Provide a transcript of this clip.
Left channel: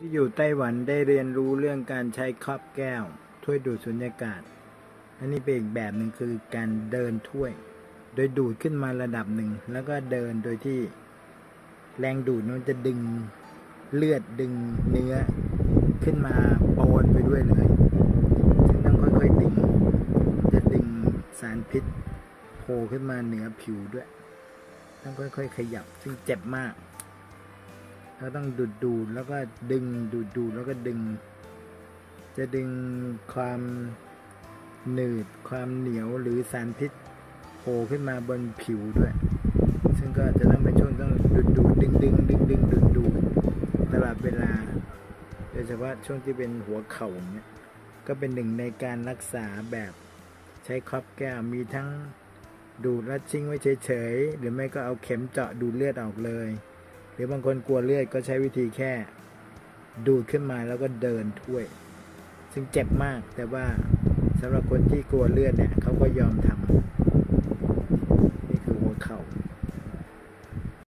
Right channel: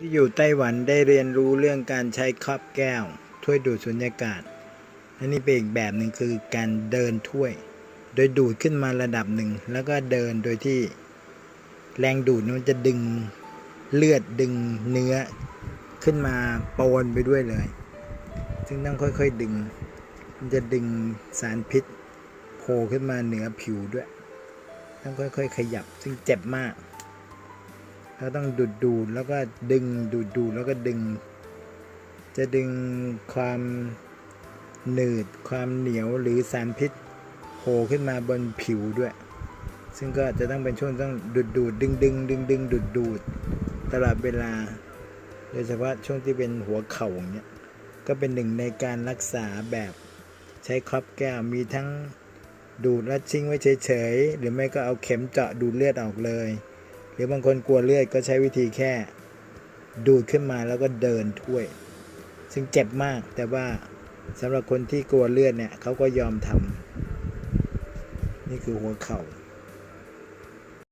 ที่อยู่ไต้หวันได้เรียนรู้เรื่องการใช้ครอบแก้ว ถ้วยดูดสุญญากาศอันนี้เป็นอีกแบบหนึ่งคือการเดินถ้วย โดยดูดขึ้นมาระดับหนึ่ง แล้วก็เดินโดยที่แรงดูดนั้นจะดึงเลือดดึงเนื้อขึ้นมาปนไปด้วยเลย ซึ่งต้องค่อยๆดึง จะดึงสารพิษโผล่ขึ้นมาเหนือผิวด้วย ต้องค่อยๆ ขยับซึ่งเจ็บมาก แล้วต้องดูดดูดแล้วก็ดึงดูดดูดแล้วก็ดึง จะดึงความหนืดความเหนียวหรือสารพิษโผล่ขึ้นมาบนผิวด้วย ซึ่งก็จะต้องเป็นช่วงต้องดูดดูดดึงดึงดึงดึงดูดดูดตลอดเวลา โดยเฉพาะช่วงที่เป็นหัวเข่าอย่างเงี้ยก็เป็นหนึ่งในการรักษาแบบใช้ครอบแก้วมีทั้งดูดแล้วทิ้งไว้เฉยๆ หรือไม่ก็เอาเข็มเจาะดูดเลือดออกเลย หรือบางคนกลัวเลือดก็ใช้วิธีแค่ ดูดขึ้นมาแล้วก็เดินถ้วย ซึ่งเจ็บมากแต่ว่าสำหรับคนที่กลัวเลือดเนี่ยเขาก็ยอมทำนี่คือหัวเข่า